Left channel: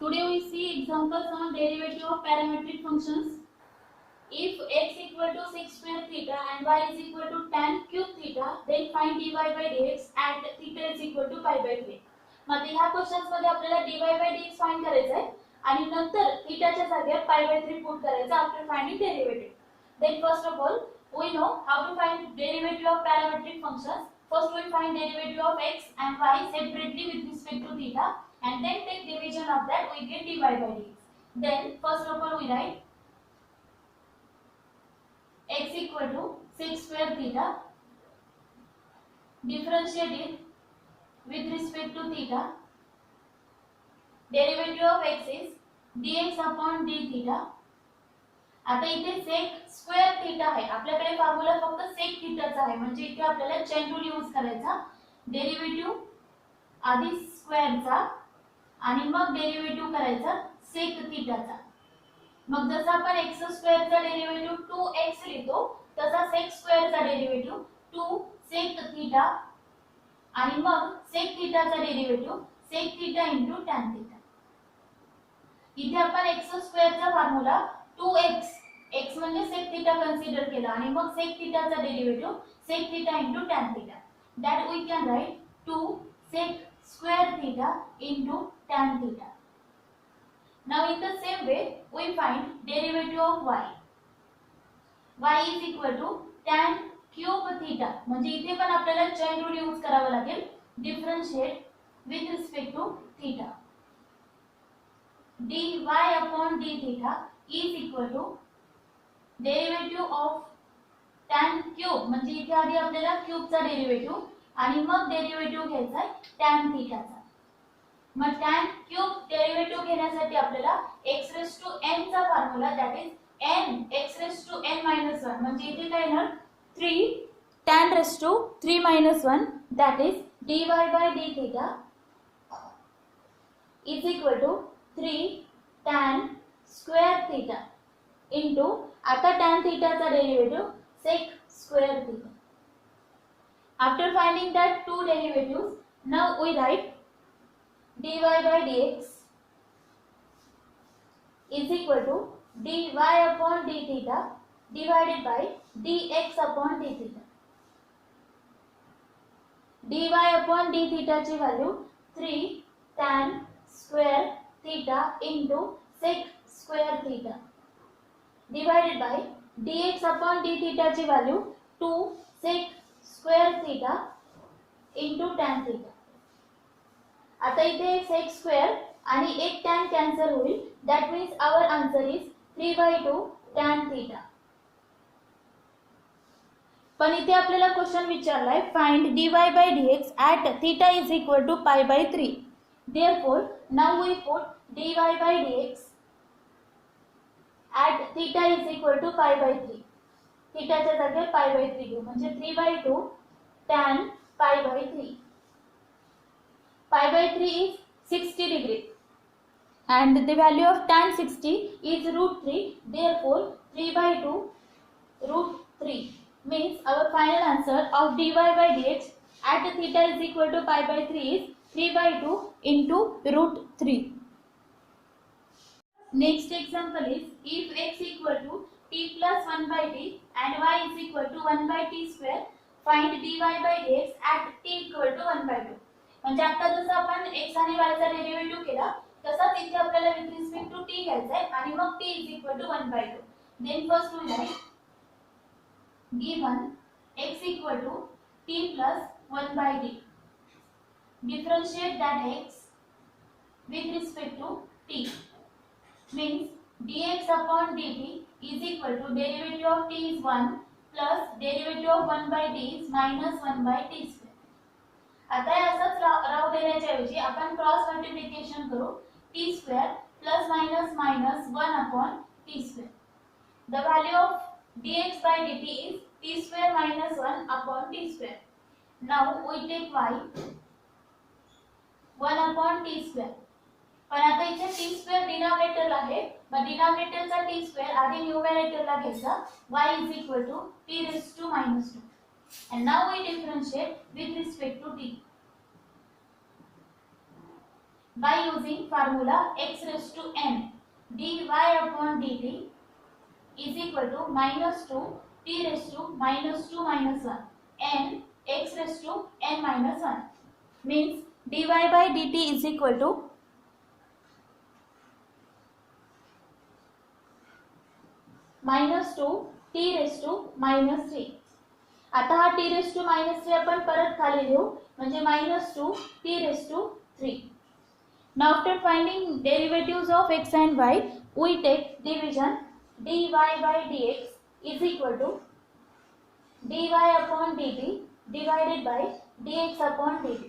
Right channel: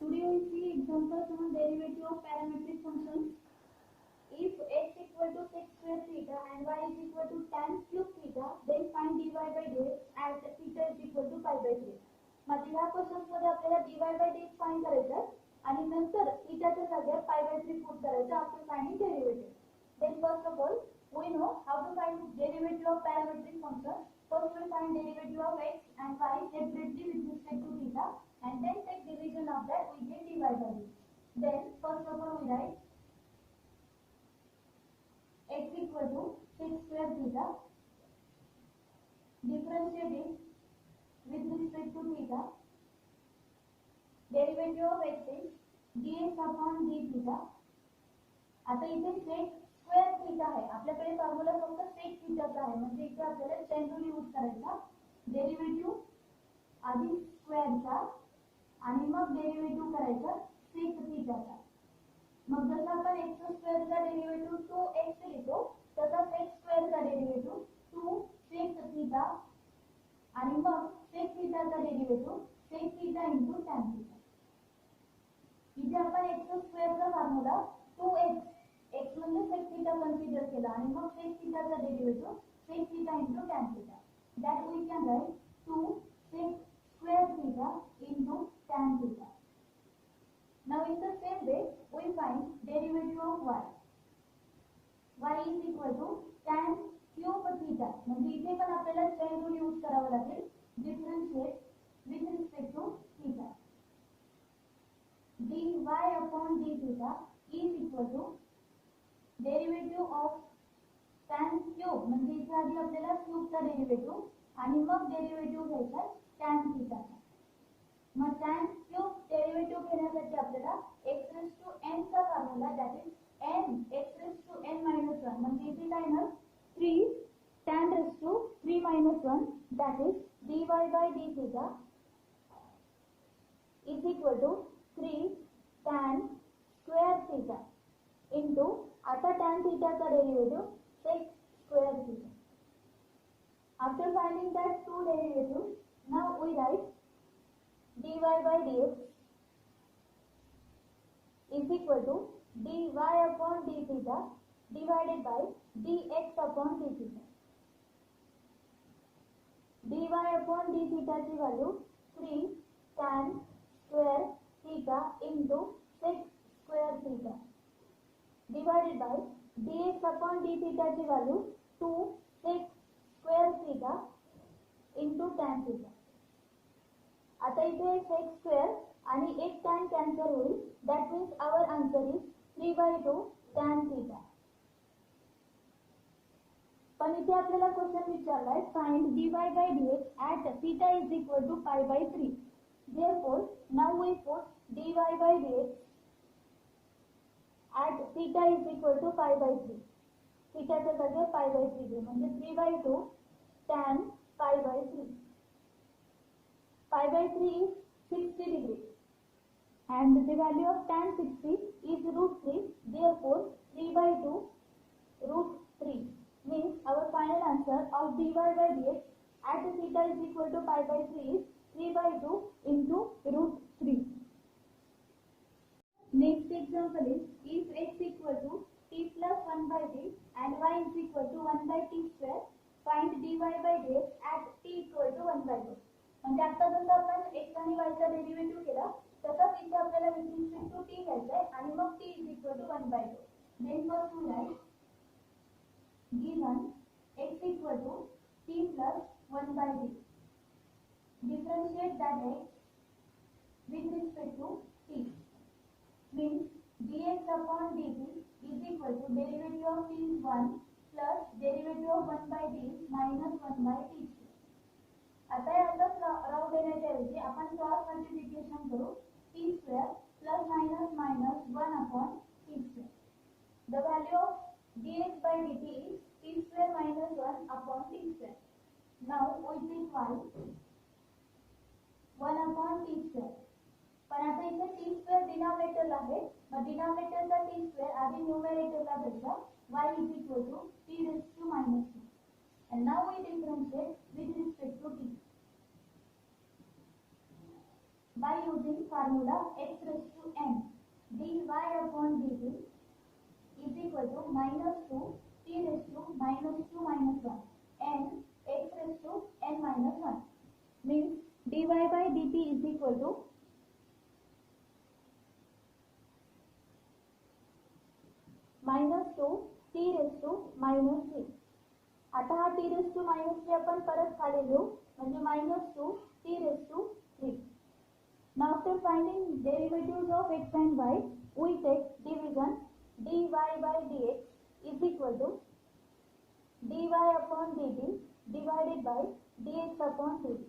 Today we see examples on derivative of parametric functions. If x equal to 6 square theta and y is equal to tan cube theta, then find dy by dx at theta is equal to pi by 3. मग ह्या questions मध्ये आपल्याला dy by dx find करायचं आहे आणि नंतर थीटाच्या जागेवर pi by 3 put करायचं after finding derivative. Then first of all, we know how to find derivative of parametric functions. First we find derivative of x and y separately with respect to theta, and then take division of that, we get dy by dx. Then first of all we write x equal to 6 square theta, differentiate it with respect to theta. Derivative of x is dx upon d theta. आता इथे sec square theta आहे, आपल्याकडे formula फक्त sec theta चा आहे, म्हणजे इथे आपल्याला chain rule यूज करायचा. डेरिव्हेटिव्ह आधी स्क्वेअर चा आणि मग डेरिव्हेटिव्ह करायचा sec theta चा. मग जसं आपण x स्क्वेअर चा डेरिव्हेटिव्ह 2x लिहितो, तसा sec स्क्वेअर चा डेरिव्हेटिव्ह 2 sec theta आणि मग sec theta चा derivative sec theta into tan theta. इथे आपण x स्क्वेअर चा फॉर्म्युला 2x x म्हणजे sec theta कन्सिडर केला आणि मग sec theta चा derivative sec theta into tan theta. That we can write 2 sec square theta into tan theta. Now in the same way we find derivative of y. Y is equal to tan cube theta. म्हणजे इथे पण आपल्याला chain rule use करावा लागेल. Differentiate with respect to theta. dy upon d theta is equal to derivative of tan cube. म्हणजे इथे आधी आपल्याला क्यूब चा डेरिव्हेटिव्ह आणि मग डेरिव्हेटिव्ह घ्यायचा आहे tan थीटा चा. मग tan क्यूब डेरिव्हेटिव्ह घेण्यासाठी आपल्याला x raised to n चा formula, that is n x raised to n minus 1, म्हणजे इथे काय येणार 3 tan raised to 3 minus 1, that is dy by d theta is equal to 3 tan square theta into, आता tan theta चा derivative sec square theta. After finding that two derivatives, now we write dy by dx is equal to dy upon d theta divided by dx upon d theta. dy upon d theta ची value 3 tan square theta into sec square theta divided by dx upon d theta ची value 2 sec square theta into tan theta. आता इथे sec square आणि एक tan cancel होईल, that means our answer is 3/2 tan theta. पण इथे आपल्याला question विचारलाय find dy by dx at theta is equal to pi by 3. Therefore now we put dy by dx at theta is equal to pi by 3. theta च्या जागेवर pi by 3 घेऊ, म्हणजे 3/2 tan pi by 3. pi by 3 is 60 degree and the value of tan 60 is √3. Therefore 3/2 √3 means our final answer of dy by dx at theta is equal to pi by 3 is 3/2 into √3. Next example is if x equal to t plus 1 by t and y is equal to 1 by t square, find dy by dx at t equal to 1/2. म्हणजे आता जसं आपण x आणि y चा derivative केला, तसाच इथे आपल्याला विथ रिस्पेक्ट टू t घ्यायचा आहे आणि मग t is equal to 1/2. Then first we write given x equal to t plus 1 by t. Differentiate that x with respect to t. Means dx upon dt is equal to derivative of t is 1 plus derivative of 1 by t is minus 1 by t square. आता हे असंच राहू देण्याच्या ऐवजी आपण cross multiplication करू, t square plus minus minus 1 upon t square. The value of dx by dt is t square minus 1 upon t square. Now we take y 1 upon t square. पण आता इथे t square डिनॉमिनेटरला आहे, मग डिनॉमिनेटरचा t square आधी न्यूमरेटरला घ्यायचा, y is equal to t raised to minus 2. And now we differentiate with respect to t. by using formula x raised to n dy upon dt is equal to minus 2 t raised to minus 2 minus 1 n x raised to n minus 1 means dy by dt is equal to minus 2 t raised to minus 3. आता हा t raised to minus 3 आपण परत खाली लिहू म्हणजे minus 2 t raised to 3. Now after finding derivatives of x and y, we take division dy by dx is equal to dy upon dt divided by dx upon dt.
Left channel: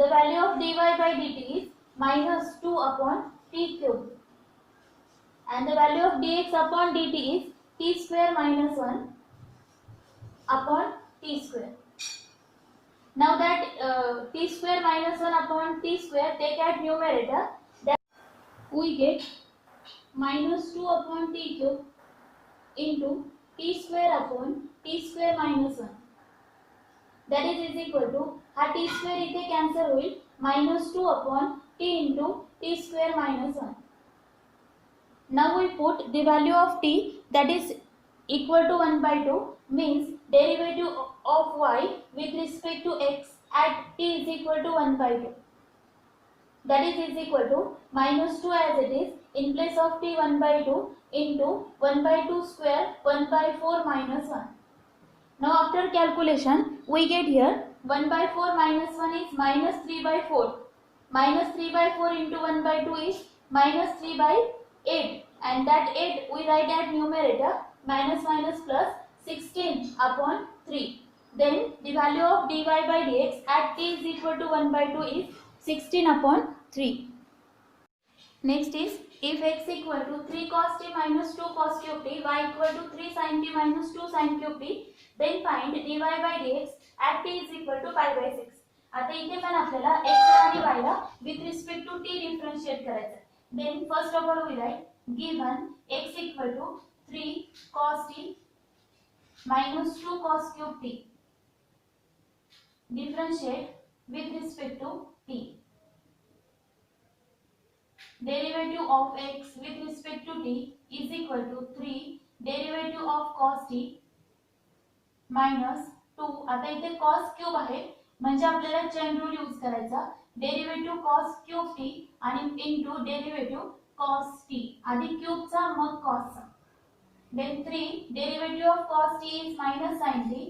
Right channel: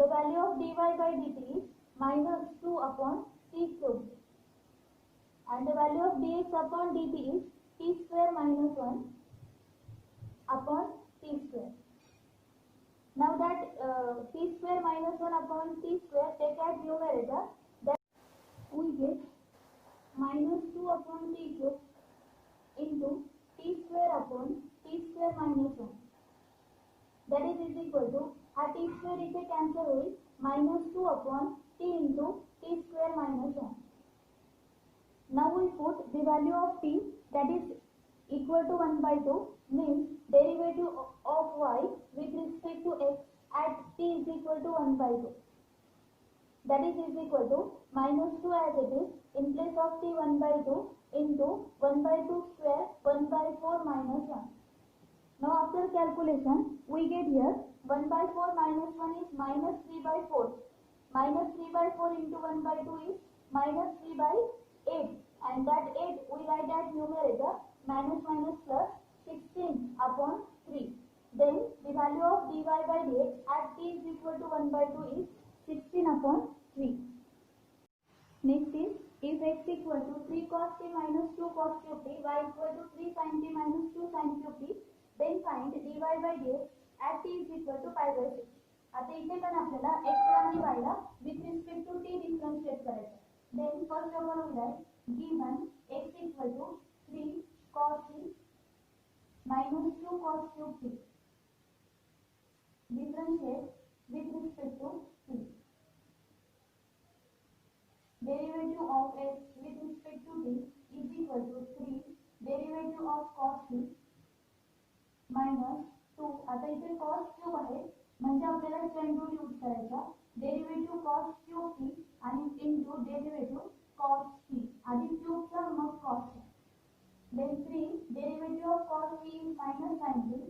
The value of dy by dt is minus 2 upon t cube and the value of dx upon dt is t square minus 1 upon t square. Now that t square minus 1 upon t square take at numerator, that we get minus 2 upon t cube into t square upon t square minus 1. That is equal to हा t square इथे cancel होईल minus 2 upon t into t square minus 1. Now we put the value of t that is equal to 1 by 2 means derivative of y with respect to x at t is equal to 1 by 2. That is equal to minus 2 as it is in place of t 1 by 2 into 1 by 2 square 1 by 4 minus 1. Now after calculation we get here 1 by 4 minus 1 is minus 3 by 4. Minus 3 by 4 into 1 by 2 is minus 3 by 8 and that 8 we write at numerator minus minus plus 16 upon 3. Then the value of dy by dx at t is equal to 1 by 2 is 16 upon 3. Next is if x equal to 3 cos t minus 2 cos cube t, y equal to 3 sin t minus 2 sin cube t, then find dy by dx at t is equal to pi by 6. आता इथे पण आपल्याला x आणि y La with respect to t differentiate करायचं. Then first of all we write given x equal to 3 cos t minus 2 cos cube t, differentiate with respect to t. Derivative of x with respect to t is equal to 3 derivative of cos t minus 2. आता इथे cos cube आहे म्हणजे आपल्याला chain rule use करायचा. Derivative cos cube t आणि into derivative cos t. आधी cube चा मग cos चा. Then 3 derivative of cos t is minus sin t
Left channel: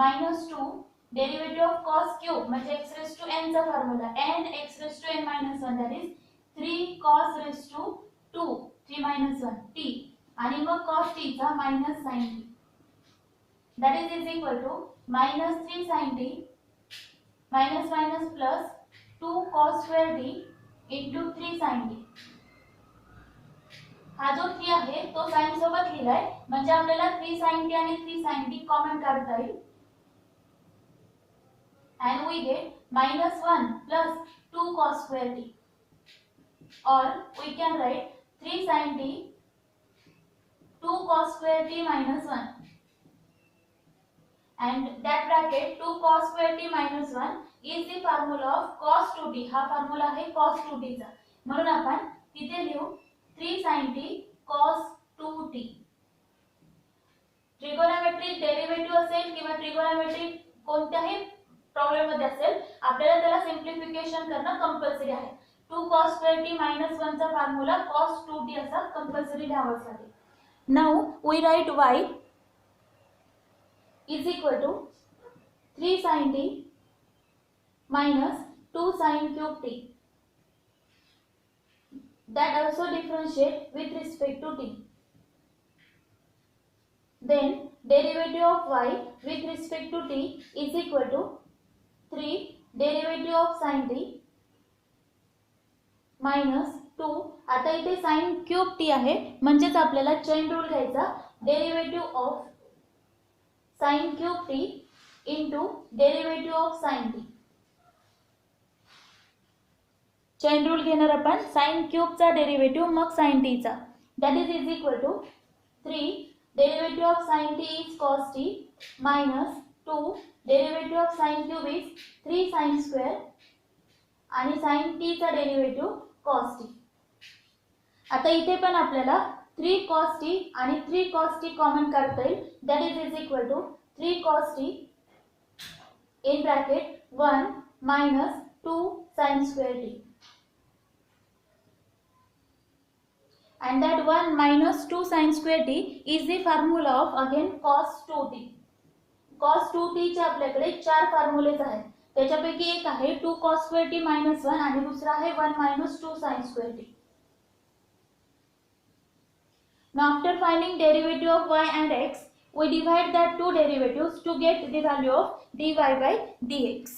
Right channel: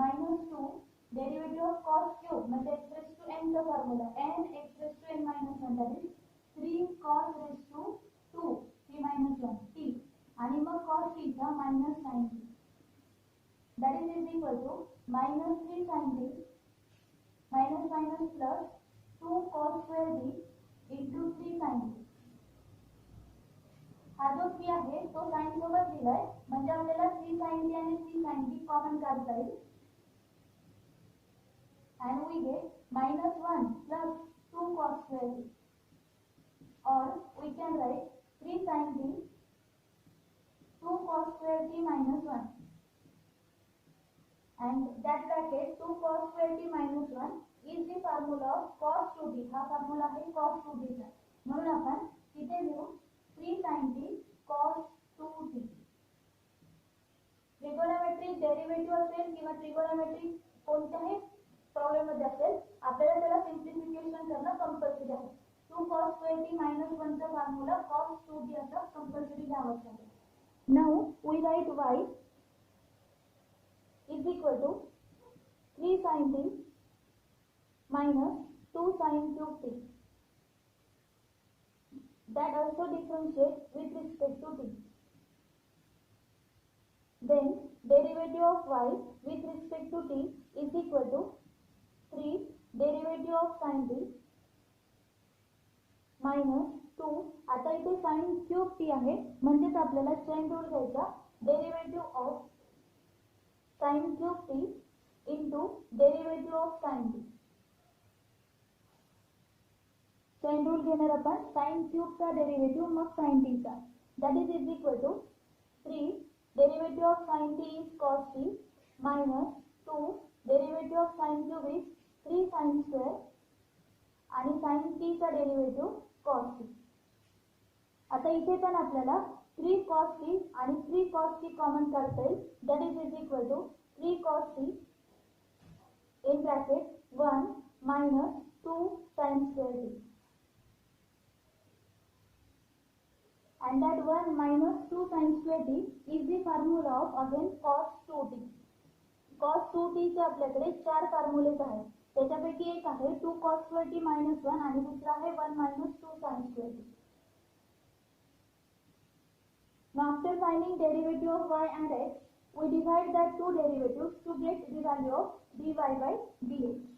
minus 2 derivative of cos cube म्हणजे x raised to n चा formula n x raised to n minus 1 that is 3 cos raised to 2 3 minus 1 t आणि मग cos t चा minus sin t that is equal to minus 3 sin t minus minus plus 2 cos square t into 3 sin t. हा जो 3 आहे तो sin सोबत लिहिलाय म्हणजे आपल्याला 3 sin t आणि 3 sin t कॉमन काढता येईल and we get minus 1 plus 2 cos square t or we can write 3 sin t 2 cos square t minus 1 and that bracket 2 cos square t minus 1 is the formula of cos 2t. हा formula आहे cos 2t चा म्हणून आपण तिथे लिहू 3 sin t cos 2t. Trigonometric derivative असेल किंवा trigonometric कोणत्याही प्रॉब्लेम मध्ये असेल आपल्याला त्याला सिंप्लिफिकेशन करणं कंपल्सरी आहे. 2 cos square t minus 1 चा फॉर्म्युला cos 2t असा कंपल्सरी लिहावाच लागेल. Now we write y is equal to 3 sin t minus 2 sin cube t. That also differentiate with respect to t. Then derivative of y with respect to t is equal to 3 derivative of sin t minus 2. आता इथे sin cube t आहे म्हणजेच आपल्याला chain rule घ्यायचा. Derivative of sin cube t into derivative of sin t. Chain rule घेणार आपण sin cube चा derivative मग sin t चा. That is equal to 3 derivative of sin t is cos t minus 2 derivative of sin cube is 3 sin square आणि sin t चा derivative cos t. आता इथे पण आपल्याला 3 cos t आणि 3 cos t common काढता येईल. That is equal to 3 cos t in bracket 1 minus 2 sin square t. And that 1 minus 2 sin square t is the formula of again cos 2t. cos 2t चे आपल्याकडे 4 formulas आहेत. त्याच्यापैकी एक आहे 2 cos square t minus 1 आणि दुसरा आहे 1 minus 2 sin square t. Now after finding derivative of y and x, we divide that two derivatives to get the value of dy by dx.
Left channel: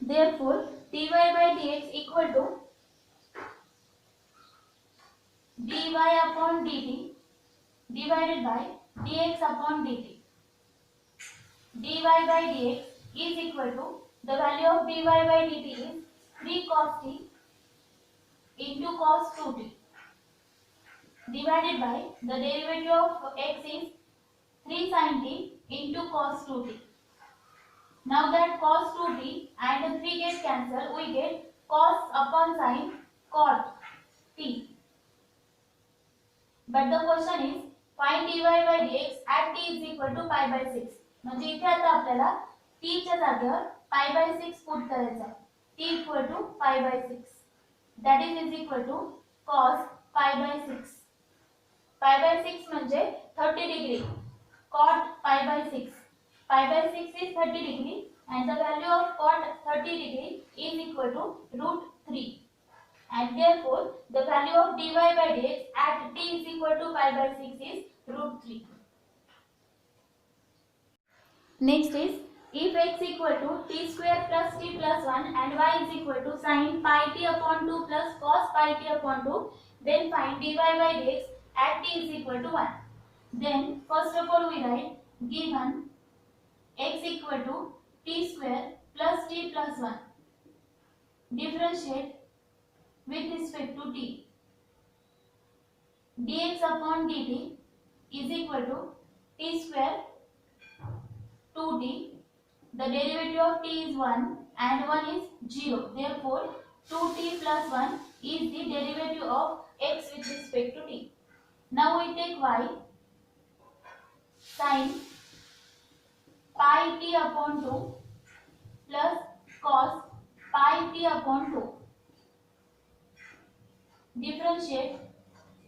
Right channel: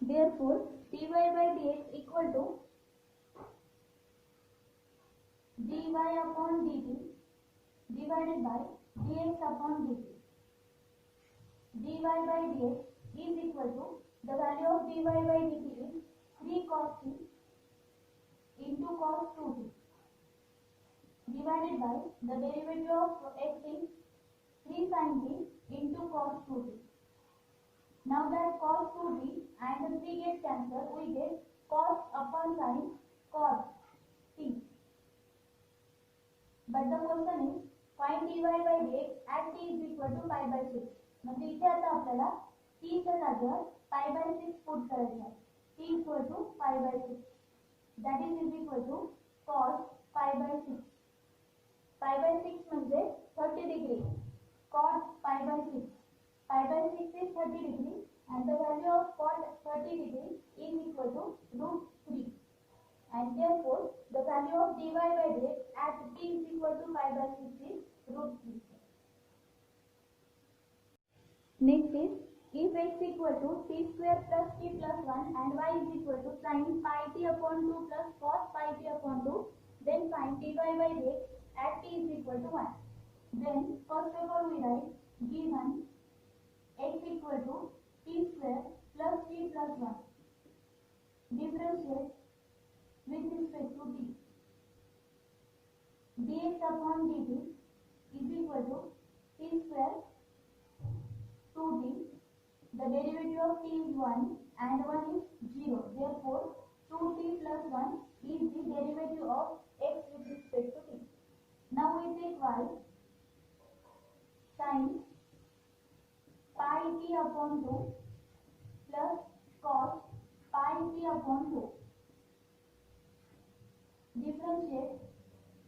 Therefore, dy by dx equal to dy upon dt divided by dx upon dt. dy by dx is equal to the value of dy by dt is 3 cos t into cos 2t divided by the derivative of x is 3 sin t into cos 2t. Now that cos 2t and the 3 get cancelled, we get cos upon sin cot t. But the question is find dy by dx at t is equal to pi by 6. म्हणजे इथे आता आपल्याला t च्या जागेवर pi by 6 put करायचा आहे. t equal to pi by 6. That is equal to cos pi by 6. pi by 6 म्हणजे 30 degree. Cot pi by 6. Pi by 6 is 30 degree and the value of cot 30 degree is equal to root 3. And therefore the value of dy by dx at t is equal to pi by 6 is root 3. Next is if x equal to t square plus t plus 1 and y is equal to sin pi t upon 2 plus cos pi t upon 2, then find dy by dx at t is equal to 1. Then first of all we write given x equal to t square plus t plus 1. Differentiate with respect to t. dx upon dt is equal to t square 2t. The derivative of t is 1 and 1 is 0. Therefore 2t plus 1 is the derivative of x with respect to t. Now we take y sin pi t upon 2 plus cos pi t upon 2. Differentiate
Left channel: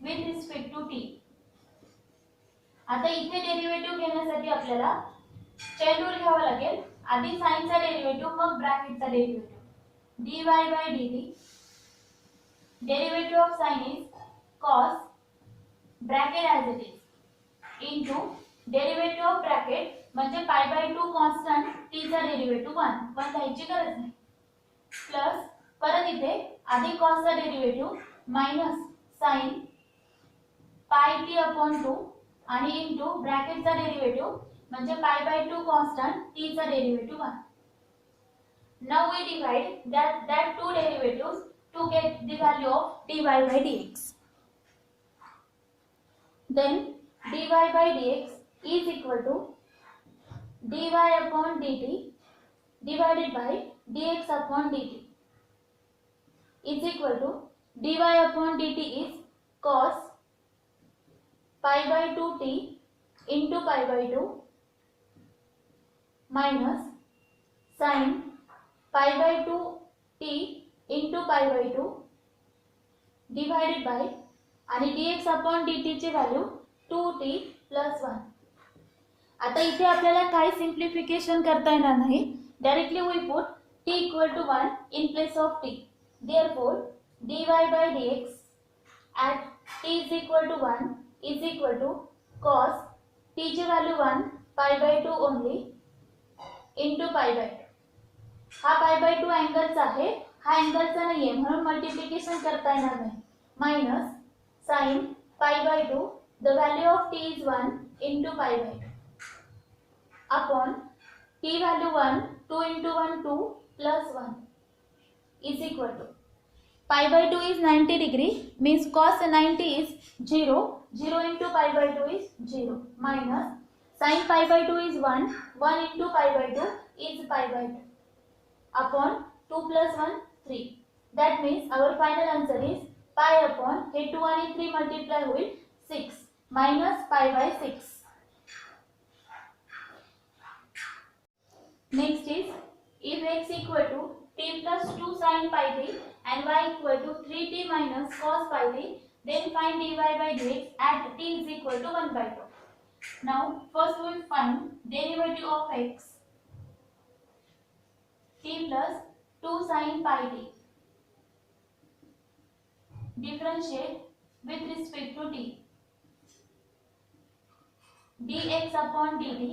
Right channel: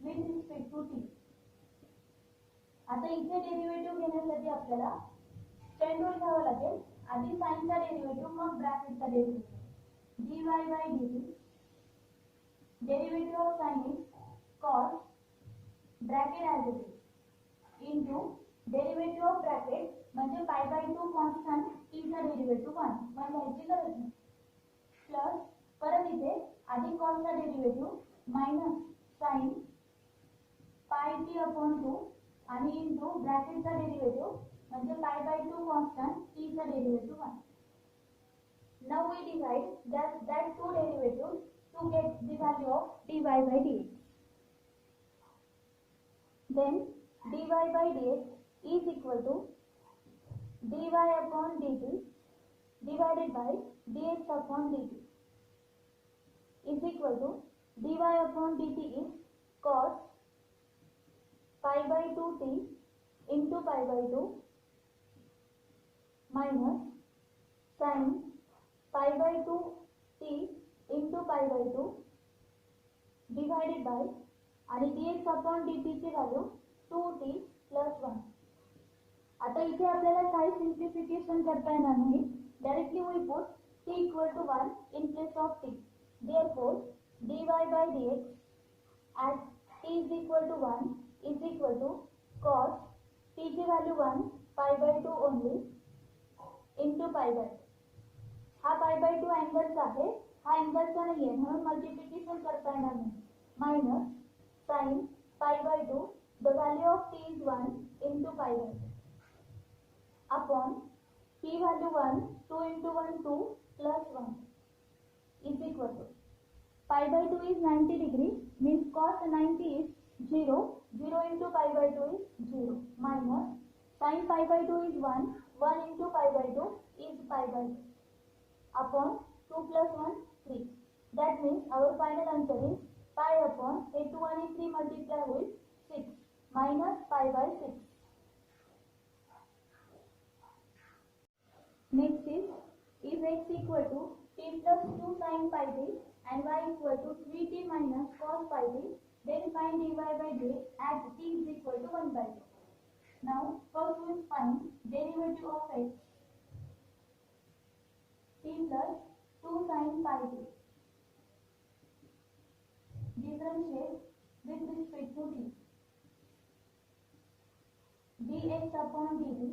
with respect to t. आता इथे derivative घेण्यासाठी आपल्याला chain rule घ्यावा लागेल. आधी sign चा derivative मग bracket चा derivative. dy by dt derivative of sin is cos bracket as it is into derivative of bracket म्हणजे pi by 2 कॉन्स्टंट t चा डेरिव्हेटिव्ह 1 लिहायची गरज नाही. प्लस परत इथे आधी cos चा derivative minus sin pi t upon 2 आणि इनटू ब्रॅकेट चा डेरिव्हेटिव्ह म्हणजे pi by 2 constant t चा derivative 1. Now we divide that two derivatives to get the value of dy by dx. Then dy by dx is equal to dy upon dt divided by dx upon dt is equal to dy upon dt is cos pi by 2t into pi by 2 minus sin pi by 2t into pi by 2 divided by आणि dx upon dt ची value 2t plus 1. आता इथे आपल्याला काही सिंप्लिफिकेशन करता येणार नाही. Directly we put t equal to 1 in place of t. Therefore dy by dx at t is equal to 1 is equal to cos t ची value 1 pi by 2 only into pi by 2. हा pi by 2 अँगलचा आहे, हा अँगलचा नाहीये म्हणून multiplication करता येणार नाही. Minus sin pi by 2 the value of t is 1 into pi by 2 upon t value 1 2 into 1 2 plus 1 is equal to pi by 2 is 90 degree means cos 90 is 0. 0 into pi by 2 is 0 minus sin pi by 2 is 1 into pi by 2 is pi by 2. upon 2 plus 1 3. That means our final answer is pi upon हे 2 आणि 3 multiply होईल 6 minus pi by 6. Next is if x equal to t plus 2 sin pi t and y equal to 3t minus cos pi t, then find dy by dx at t is equal to 1 by 2. Now first we will find derivative of x, t plus 2 sin pi t. Differentiate with respect to t. dx upon dt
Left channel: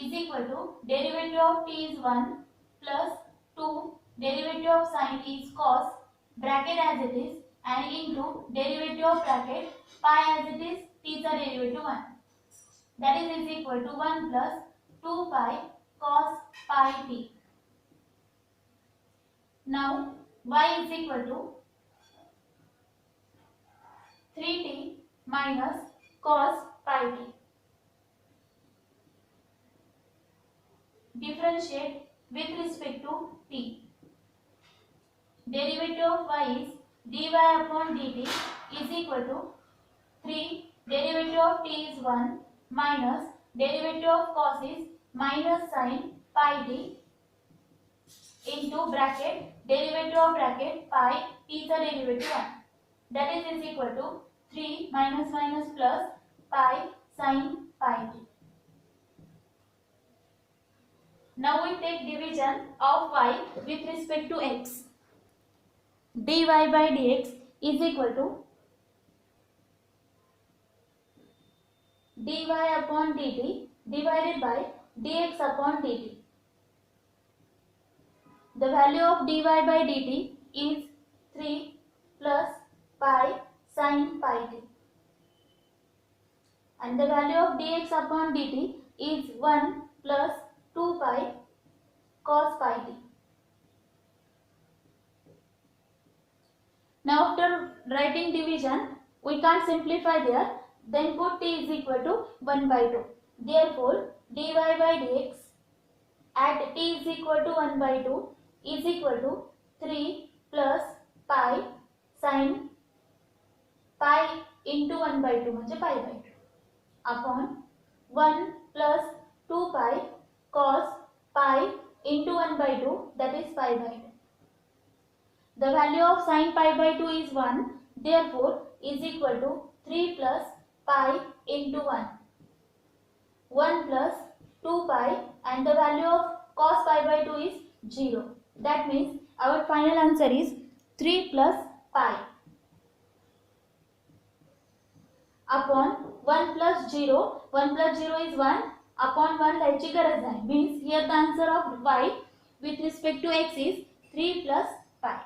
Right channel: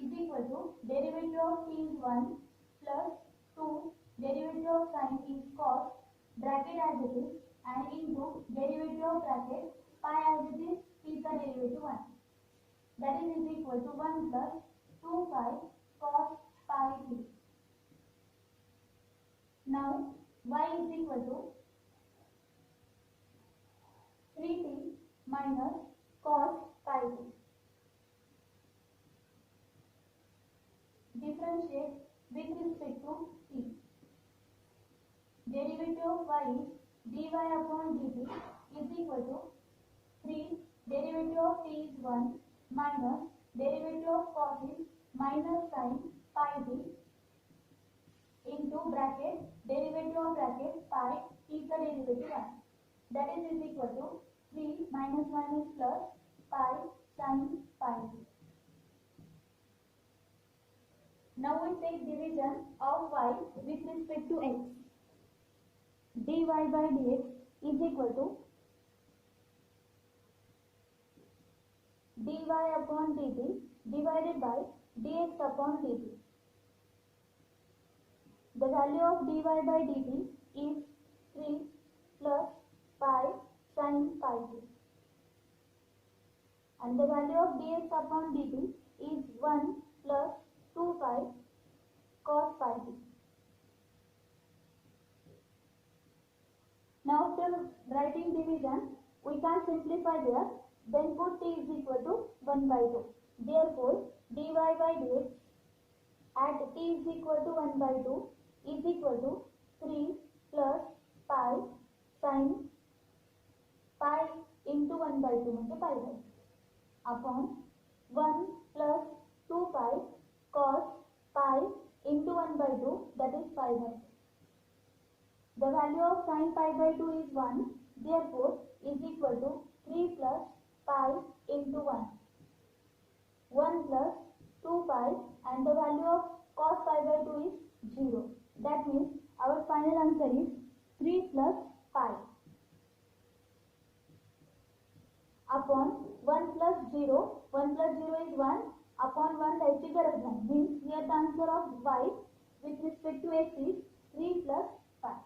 is equal to derivative of t is 1 plus 2 derivative of sin is cos bracket as it is and into derivative of bracket pi as it is t is a derivative 1. That is equal to 1 plus 2 pi cos pi t. Now y is equal to 3t minus cos pi t. Differentiate with respect to t. Derivative of y is dy upon dt is equal to 3 derivative of t is 1 minus derivative of cos is minus sin pi t into bracket derivative of bracket pi t is a derivative 1. That is equal to 3 minus minus plus pi sin pi t. Now we take division of y with respect to x. dy by dx is equal to dy upon dt divided by dx upon dt. The value of dy by dt is 3 plus pi sin pi t. And the value of dx upon dt is 1 plus 2 pi cos pi t. Now after writing division, we can't simplify there. Then put t is equal to 1 by 2. Therefore, dy by dx at t is equal to 1 by 2 is equal to 3 plus pi sin pi into 1 by 2 म्हणजे pi by 2 upon 1 plus 2 pi cos pi into 1 by 2 that is pi by 2. The value of sin pi by 2 is 1, therefore is equal to 3 plus pi into 1. 1 plus 2 pi and the value of cos pi by 2 is 0. That means our final answer is 3 plus pi upon 1 plus 0. 1 plus 0 is 1 upon 1 लिहायची गरज आहे. Means here the answer of y with respect to x is 3 plus pi.